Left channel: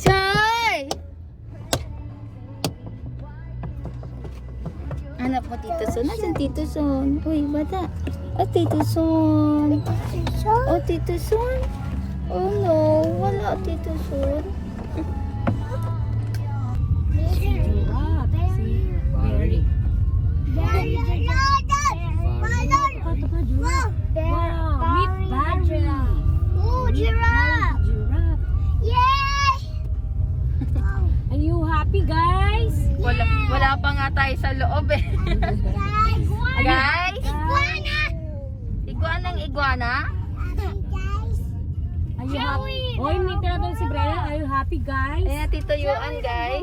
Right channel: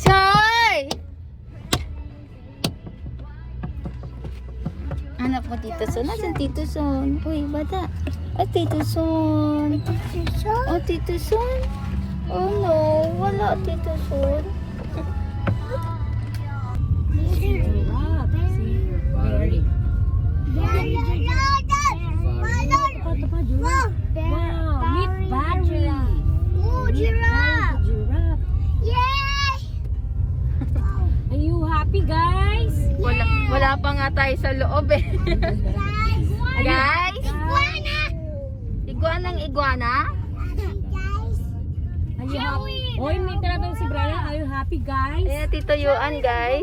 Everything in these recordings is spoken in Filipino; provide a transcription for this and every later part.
Choy! Hanap mo Tito Son. Nasaan Tito Son? Uy, bata. Oh, Tito Son. Oh, Tito Son. Oh no, wala Tito Son. Wala pa nga tayo sa loob eh. Guys? Iguanang iguana? Are you happy? Oy, may tinatawag si Brian. Are you happy, guys? Ayan, Tito Yuan, guys.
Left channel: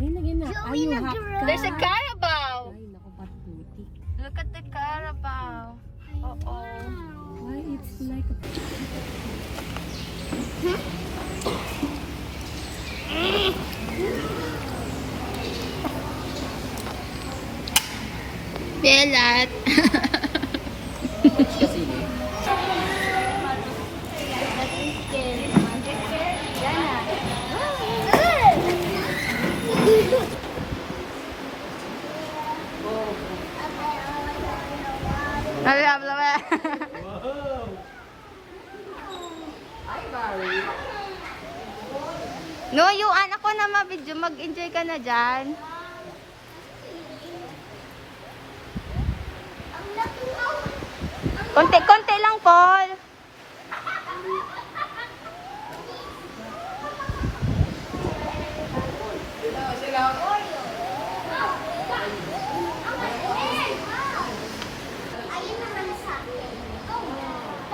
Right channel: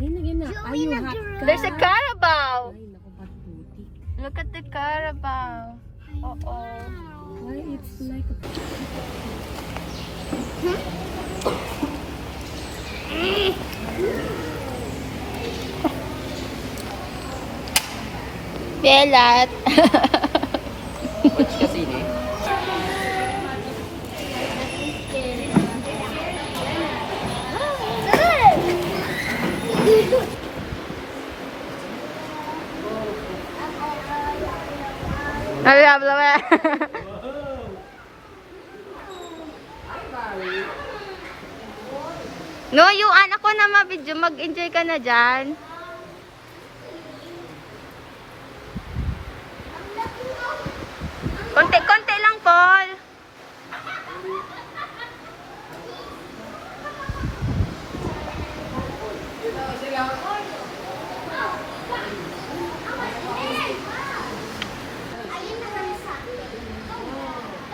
Ngayon na. Are you happy? There's a Carabao. Ay, naku, ba't putik? Look at the Carabao. Uh-oh. Why it's like a... Belat. Habla. No, yung anak ko na mabidyo, mag-enjoy ka na dyan. Konti lang, Paul.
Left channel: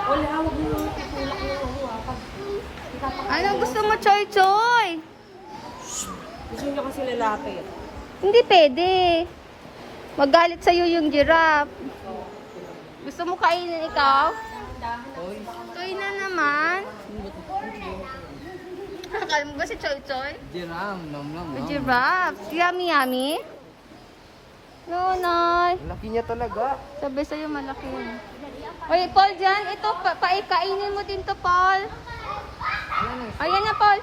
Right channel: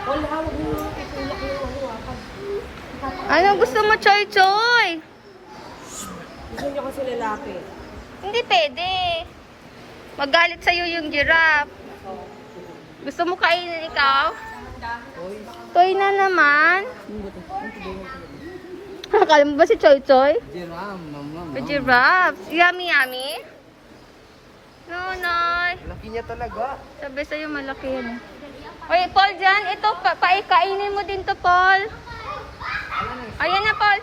Paul, hawag mo yung itulak mo ako Anong gusto mo, Choy Choy? Gusto niyo kasi lalaki. Hindi pwede. Magalit sa'yo yung giraffe. Gusto mo kainin ikaw? Toy na naman. Akala mo ba si Choy Choy? Giraffe. Yummy. No, Noy. Laki niya talaga. Sabi sa'yo malaki yan. Oy, Paul dyan. Ito, kainin mo din to, Paul. Ayan na, Paul.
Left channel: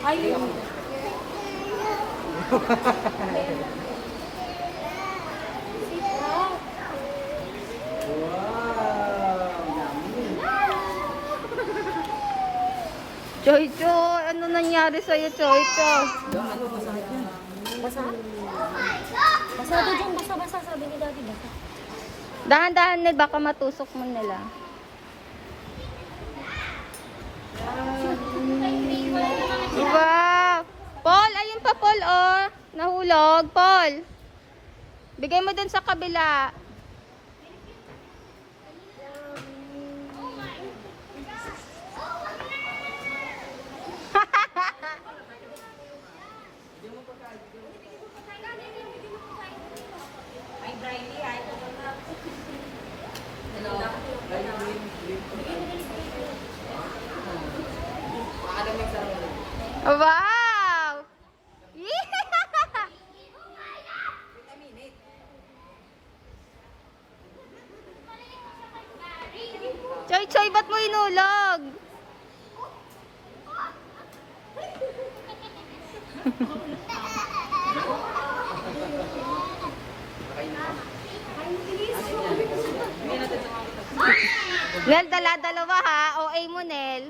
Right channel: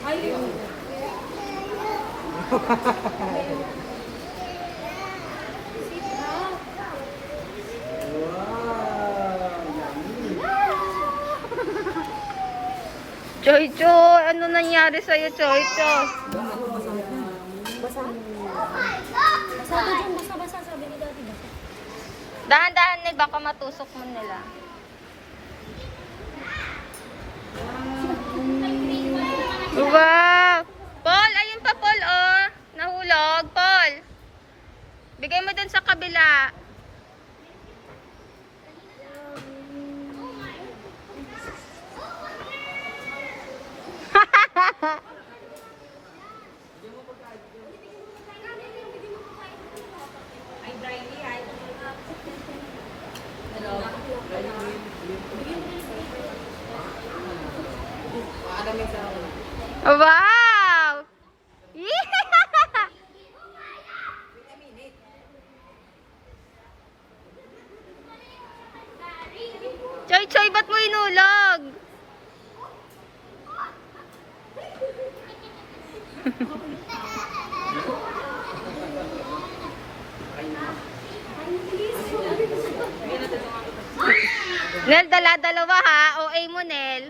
Ayun. Choy Choy, ano nangyari sa'yo, Choy Choy? Basa? Basa din, basa, sabi ni Daddy, basa. Dahan-dahan na baka matusok mo nila. Wow! Paul, ayun pa Paul, oh. Nahulog, Paul. Bigay mo dun sa kabila. Wow! Choy Choy, ba't mo inulog? Nel, dala-dalawa ha. OA mo, Nel.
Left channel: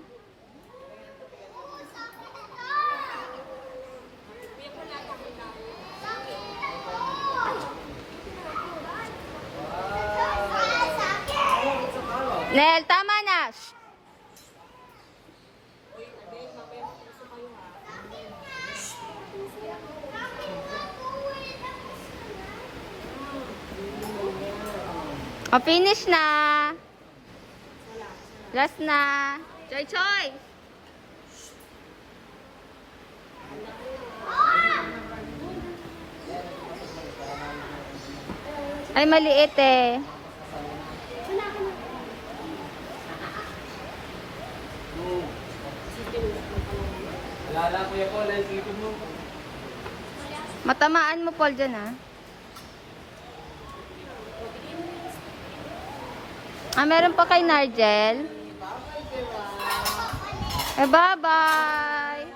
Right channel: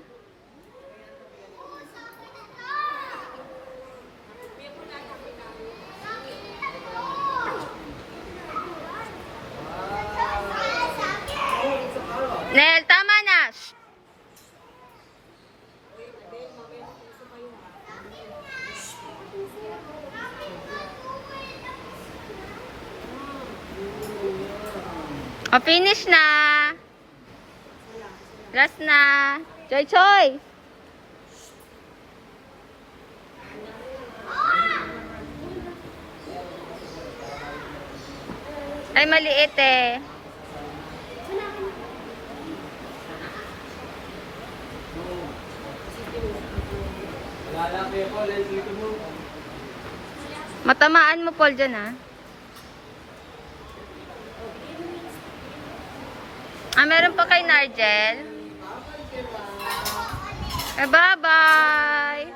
Nel, tama na. Shh. O, finish na. Last na. Choy Choy. Ay, maliit eh. Matamaan mo, Paul, dyan, ha? Meron pa kay Nargel. Bye-bye!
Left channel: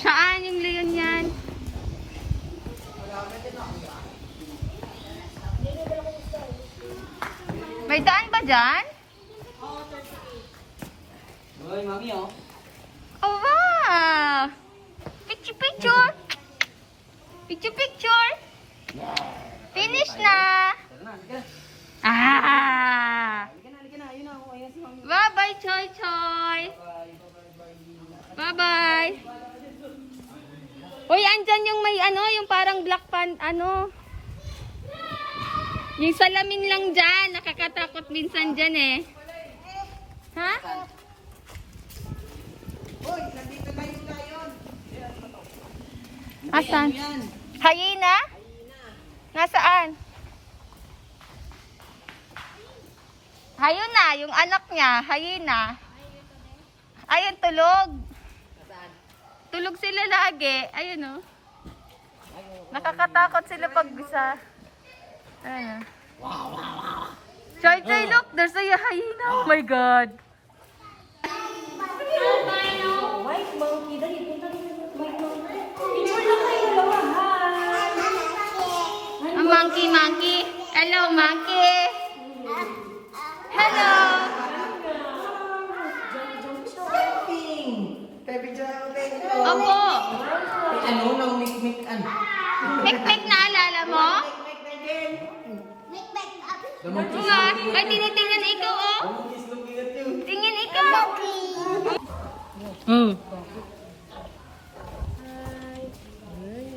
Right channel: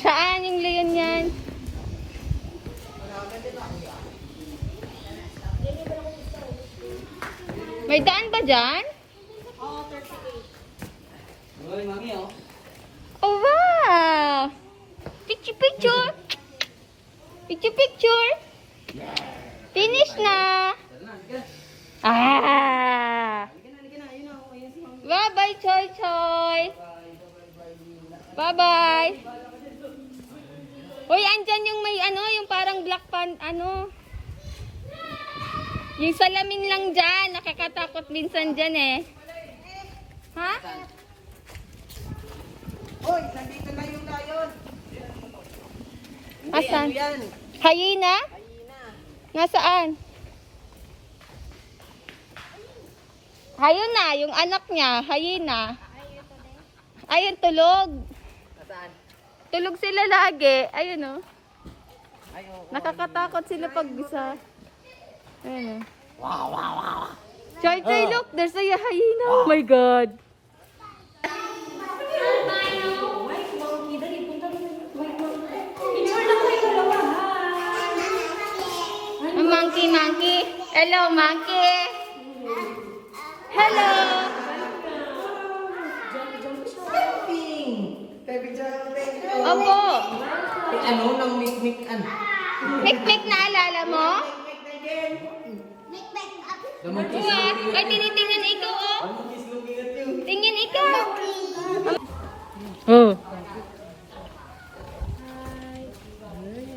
Saan yung leon yan? May daan ba dyan? Oh, wow! Picture, picture! Picture, picture! Finish na! Ah! Bye-bye, Choy Choy! Bye-bye! Uy, andyan yung may ano, yung parang black pan, ano? Yung salamin lang dyan, nakakatakot minsan dyan eh. Ha? Oy, nandito na yung layon. Asan? Yan. Hyena? Nasaan? Hyena, yung anak niya, hyena. Ayun, tulog. Saan? Tulog sila lagi. Ayun oh. Nakakatakot sila pag bisa. Ayun oh. Choy Choy, look, there's a hyena. Oh my God. White monkey. Dali, punta dito. White monkey. Picture lang kayo dalawa. Hi. Monkey, monkey. Hello, monkey. Hello. Baby jumping. Opo. Ano nang mikmik an? Pik-pik na alala mo? Mikmik na din. What? Ay, tinitingnan ikaw, oh. He's looking at you. Tingin ikaw. Oh. Ay,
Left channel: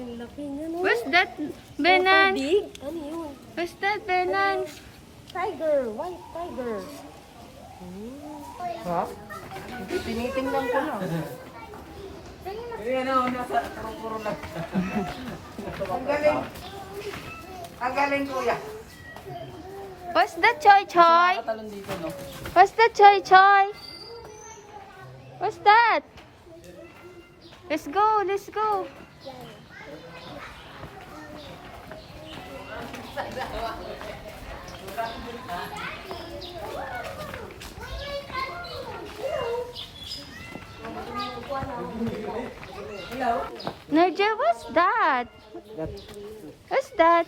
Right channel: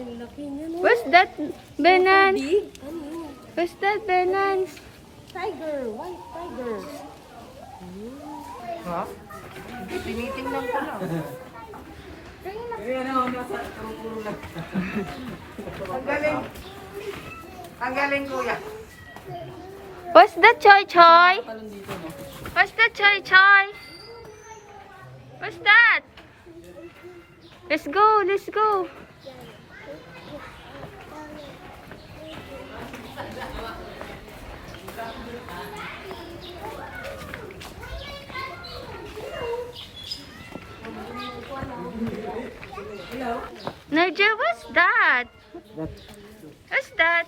ang laki niya, no? Where's that, Benan? Big? Ano yun? Where's that, Benan? Tiger. White tiger. Ha? Tinitingnan ko lang. Yan o, nasa puro lang. Ang galing. Ang galing, kuya. What's that, Choy Choy? Talon dito, no? What's that, Choy Choy? What's that? Let's go, let's go. Hello? Nigel, what's that? What's that?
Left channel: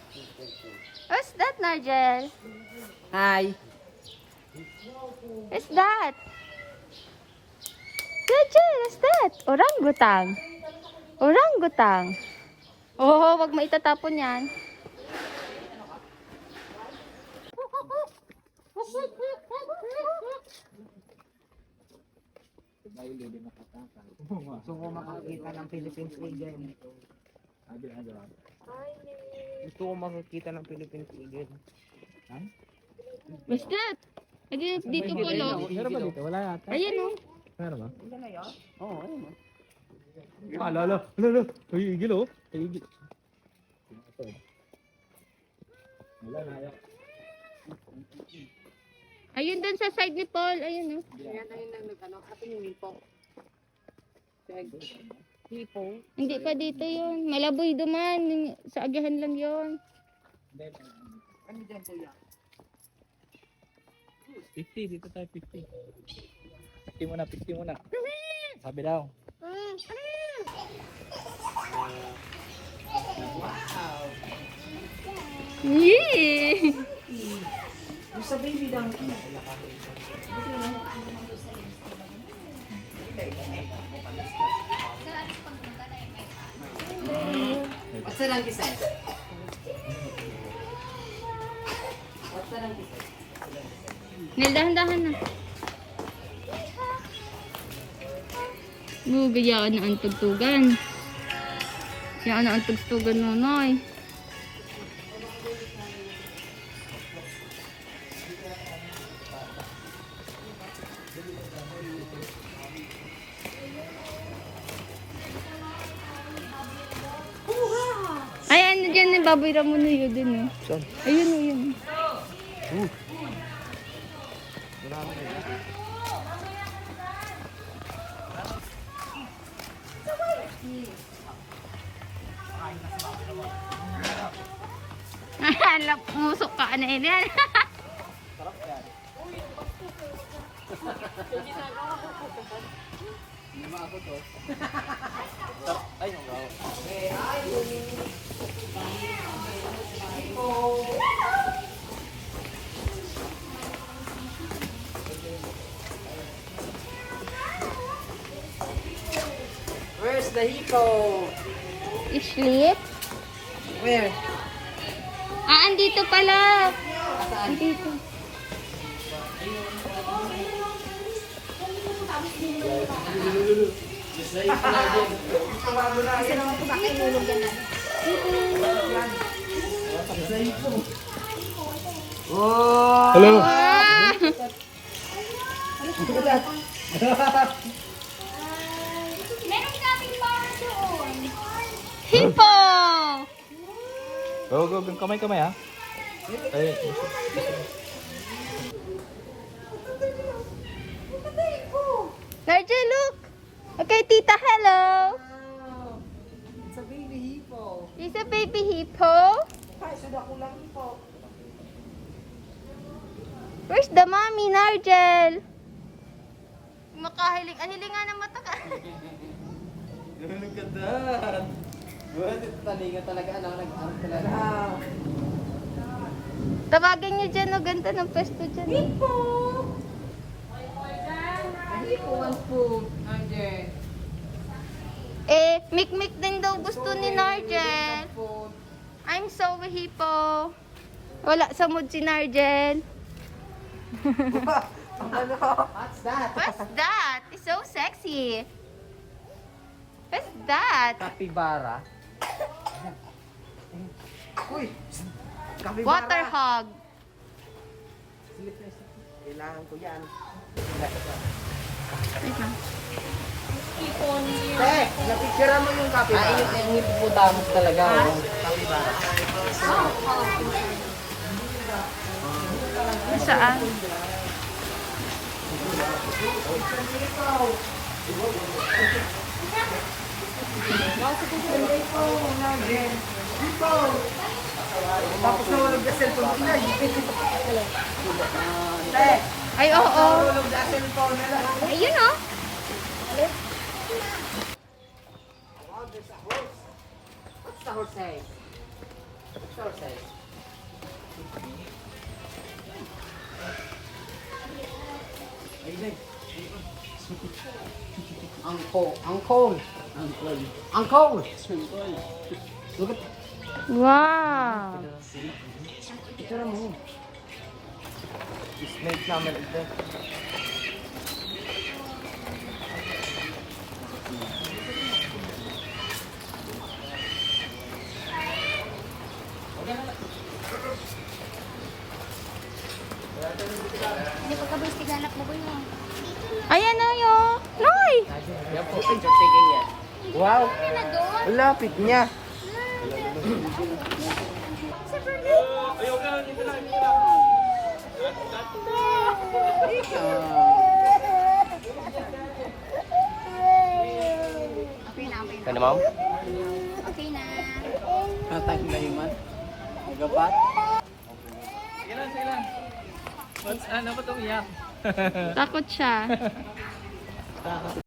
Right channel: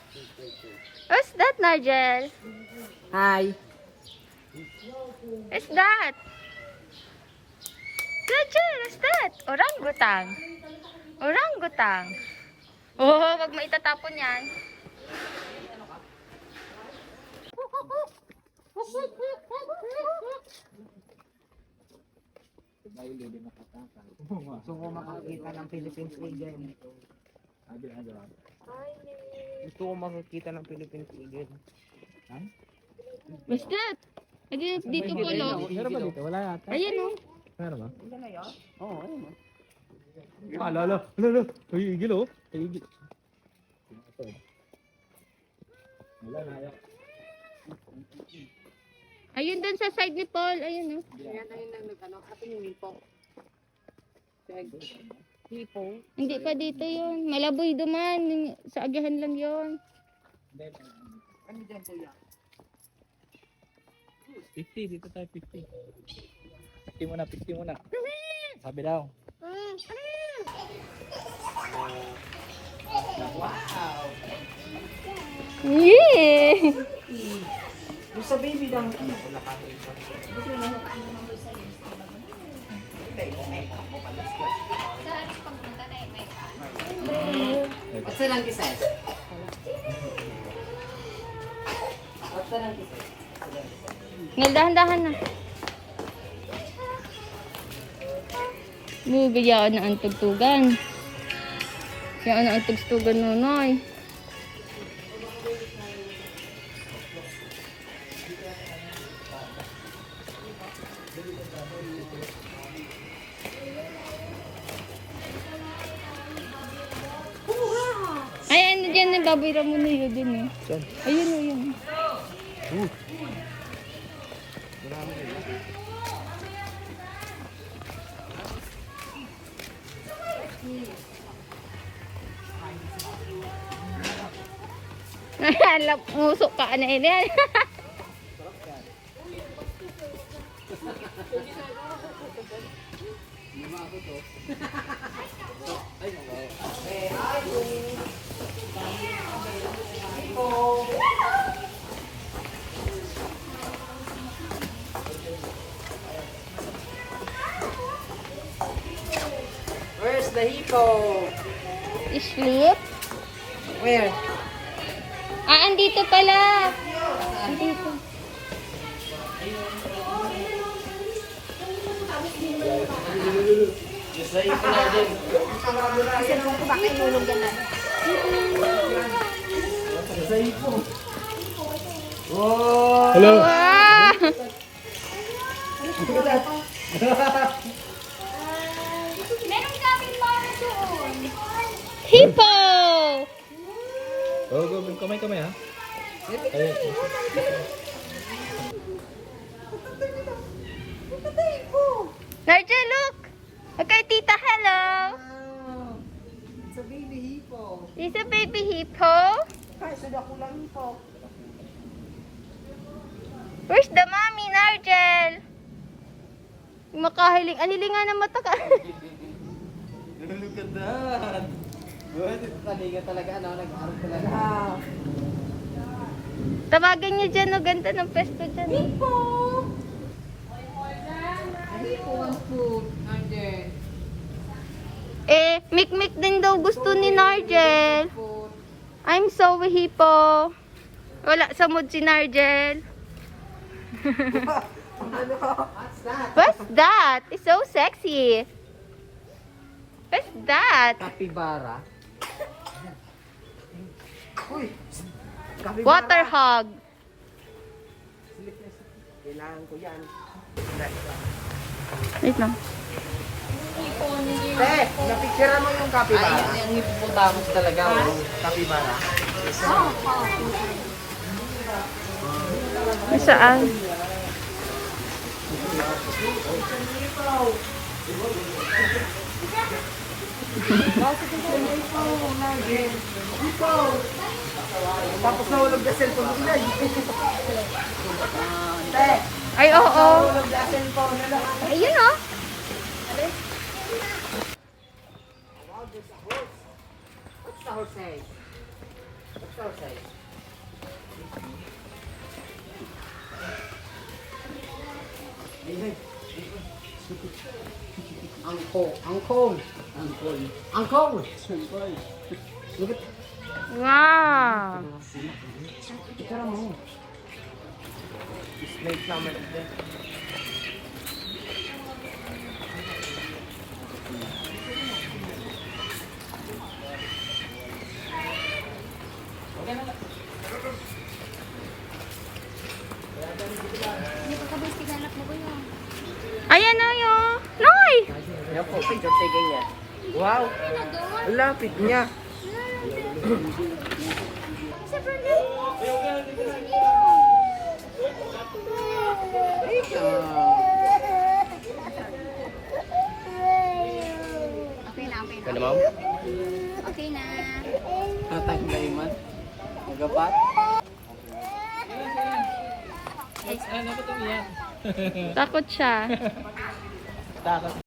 What's that, Nigel? Hi. What's that? Nigel, what's that? Orangutan. Orangutan. Oh, wag mo itatapon yan. Gusto ko makakita ng Philippines Eagle. Gusto ko makakita ng Philippines Eagle. What's that? Ay, dito po, lo. Meron ba dito? Wala yata. Ayan, oh. Meron ba? Oo, ayun o. Lalo. Ay, igil o. Ay, igil. Wala na yun. Ayun dun sa side ni Paul. Ayun, oh. Yan tayo nang nag-ano. Atin yung hipo. Hipo. Hindi pa dito yun. Malaboy duman. Sa agahan lang yun. Ano dyan kuya? 50, dito tayo 50. 50 muna, 50 muna. Sabi daw. Yeah! Yung sa baby donkey. What's the donkey size? What's the donkey size? Nel, dahan-dahan na. Bigyan na ang tugtugan. Bigyan na ang tugtugan, nonoy. kabira mo na yun din eh. Saan? Ayun, ayun. Marami na yun. Alam, musok ka na yan. Ay, no. Where's the hippo? Sleep? Where? Ah, andito pala. Andito. Kasi naman ko bakit nulog yan natin. Oh! Hello. Wow! Meron kaming para doon. Hippo! Go, go, go. Kamay, ha? Ayun. Narja, look! Okay, tita, hello! It's a baby hippo. Is a baby hippo? Where's the mommy, Narjel? Makahiling. Aliling nga ng mata ka. Look at that. Good. Taliga talaga. Nag-arap talaga. Wow. Tawagan niyo dyan, no? Ganda ng pesto dyan. Hippo! Hippo wants food. Andre. Eh, mikmik din daw gusto ni Narjel. Food. I'm so hippo. Wala sa mood si Narjel. Ano? What's that? What's that? It's so sexy. What's that? Capybara. Uy! Capybara. Water hog. Kailangan ko yan. Wait lang. Napicture mo yung capybara. Ay, yung hippopotamus talaga. Capybara. Nasaan? Tapos nahulog na cellphone mo. Ate, Ay, oo. nahulog na cellphone nila. Ayun, oh. Wow, there's a horse. What's the horse say? What's the horse say? Uncle. Look at Wow. picture mo. Snake namin ito. Ayan na yun. Noy! Wow. Lapit niya. Okay na, okay na. Kaya ma'am? Okay na. Natay na iman. Nagapat. Ano ba itong iyan? Takot siya. Takot.